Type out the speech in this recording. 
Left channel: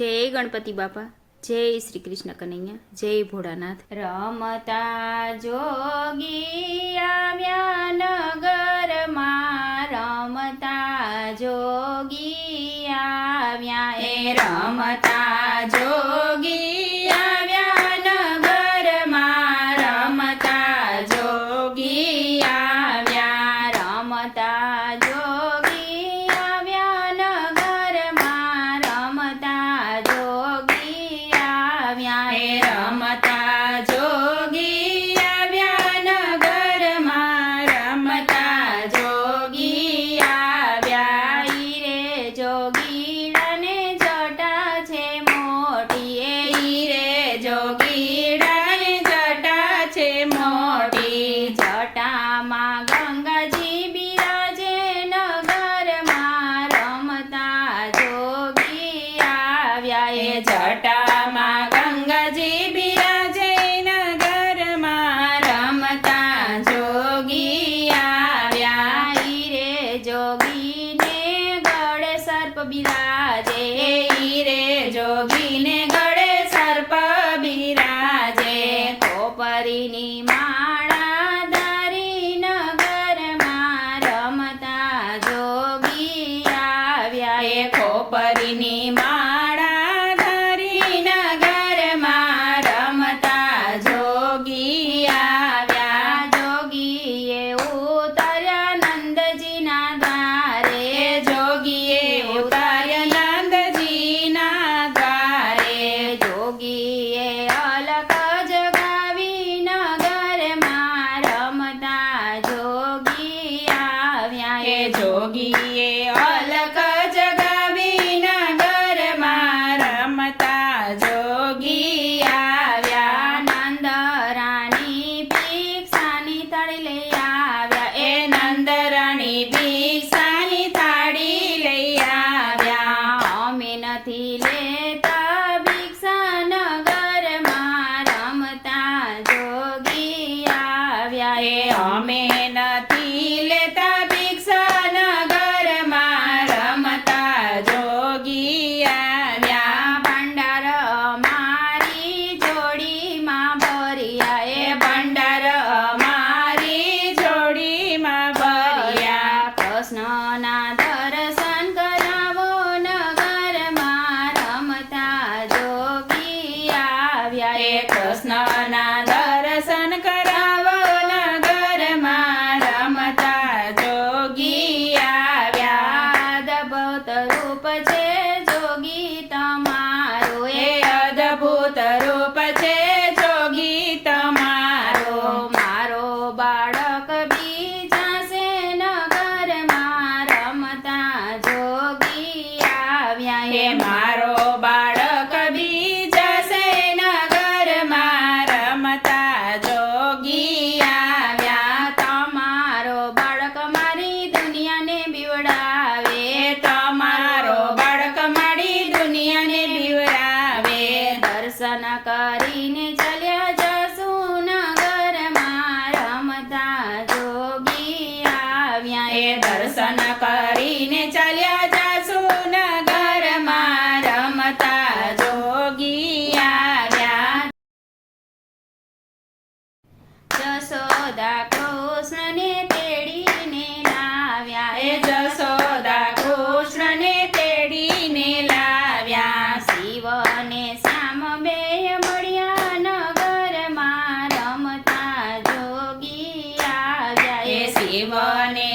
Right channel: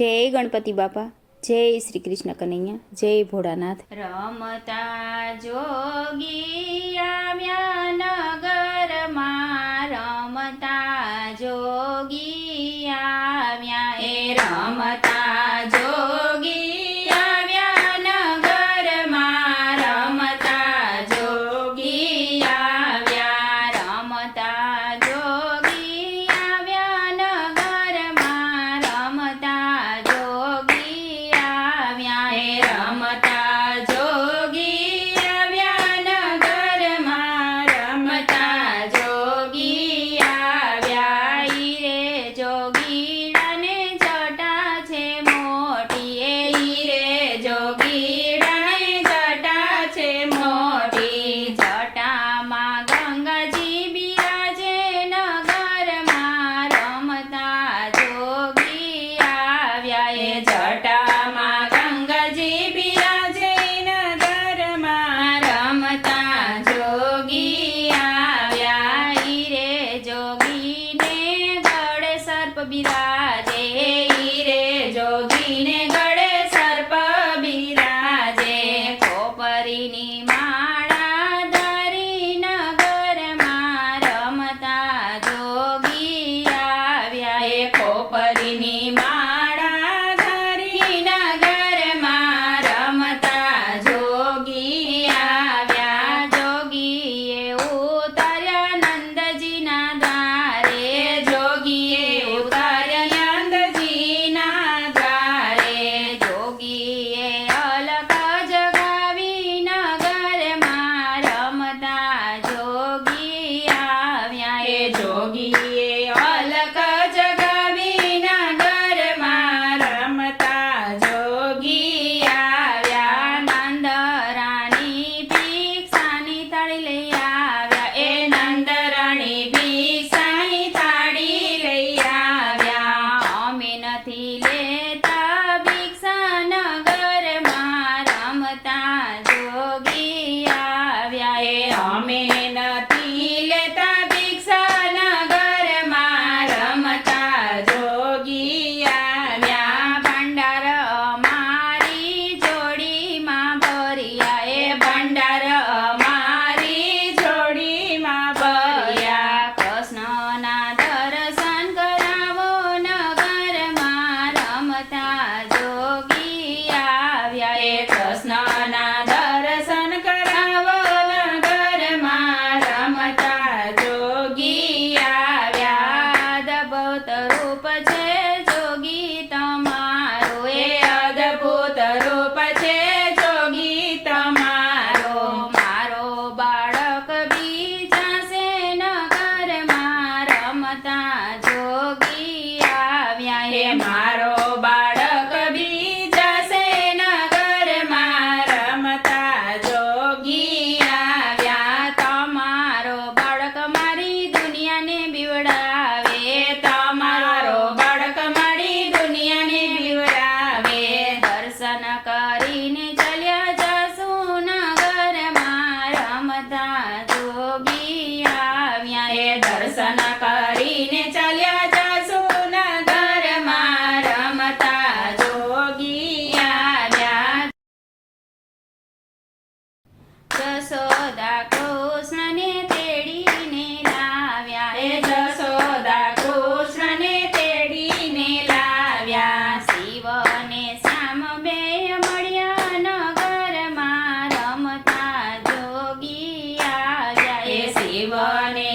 જય ગણપતિ બાપા, જય શ્રી કૃષ્ણ કનૈયા, જય ભોળાનાથ। રમતા જોગી આવ્યા નગરમાં, રમતા જોગી આવ્યા, એ રમતા જોગી આવ્યા નગરમાં, રમતા જોગી આવ્યા, રમતા જોગી આવ્યા નગરમાં, રમતા જોગી આવ્યા, એ રમતા જોગી આવ્યા નગરમાં, રમતા જોગી આવ્યા, ઈ રે જોગીડાને જટા છે મોટી, ઈ રે જોગીડાને જટા છે મોટી, જટામાં ગંગાજી બિરાજે નગરમાં, રમતા જોગી આવ્યા, એ જટામાં ગંગાજી બિરાજે નગરમાં, રમતા જોગી આવ્યા, ઈ રે જોગીને ગળે સર્પ બિરાજે, ઈ રે જોગીને ગળે સર્પ બિરાજે, કોપરીની માળા ધરી નગરમાં, રમતા જોગી આવ્યા, એ કોપરીની માળા ધરી નગરમાં, રમતા જોગી આવ્યા, જોગીએ ઉતાર્યા નંદજીના દ્વારે, જોગીએ ઉતાર્યા નંદજીના દ્વારે, જોગીએ અલક જગાવી નગરમાં, રમતા જોગી આવ્યા, એ જોગીએ અલક જગાવી નગરમાં, રમતા જોગી આવ્યા, નંદરાણી ભિક્ષાની થાળી લઈ આવ્યા, એ નંદરાણી ભિક્ષાની થાળી લઈ આવ્યા, અમે નથી લેતા ભિક્ષા નગરમાં, રમતા જોગી આવ્યા, એ અમે નથી લેતા ભિક્ષા નગરમાં, રમતા જોગી આવ્યા, ભંડાર અમારી જોડીમાં ભર્યા, એ ભંડાર અમારી જોડીમાં ભર્યા, કૃષ્ણના દર્શન કરાવો નગરમાં, રમતા જોગી આવ્યા, એ કૃષ્ણના દર્શન કરાવો નગરમાં, રમતા જોગી આવ્યા, અદ્ભુત રૂપ છે જોગી તમારો, એ અદ્ભુત રૂપ છે જોગી તમારો, મારો બાળક બીજાશે નગરમાં, રમતા જોગી આવ્યા, એ મારો બાળક બીજાશે નગરમાં, રમતા જોગી આવ્યા, તમારો બાળક મારી દુનિયાને બીવડાવે, તમારો બાળક મારી દુનિયાને બીવડાવે, દર્શન કરીને ચાલ્યા જશું નગરમાં, રમતા જોગી આવ્યા, એ દર્શન કરીને ચાલ્યા જશું નગરમાં, રમતા જોગી આવ્યા, જશોદા કૃષ્ણને તેડીને લાવ્યા, એ જશોદા કૃષ્ણને તેડીને લાવ્યા, શિવને શ્યામ બે મળ્યા નગરમાં, રમતા જોગી આવ્યા, એ શિવને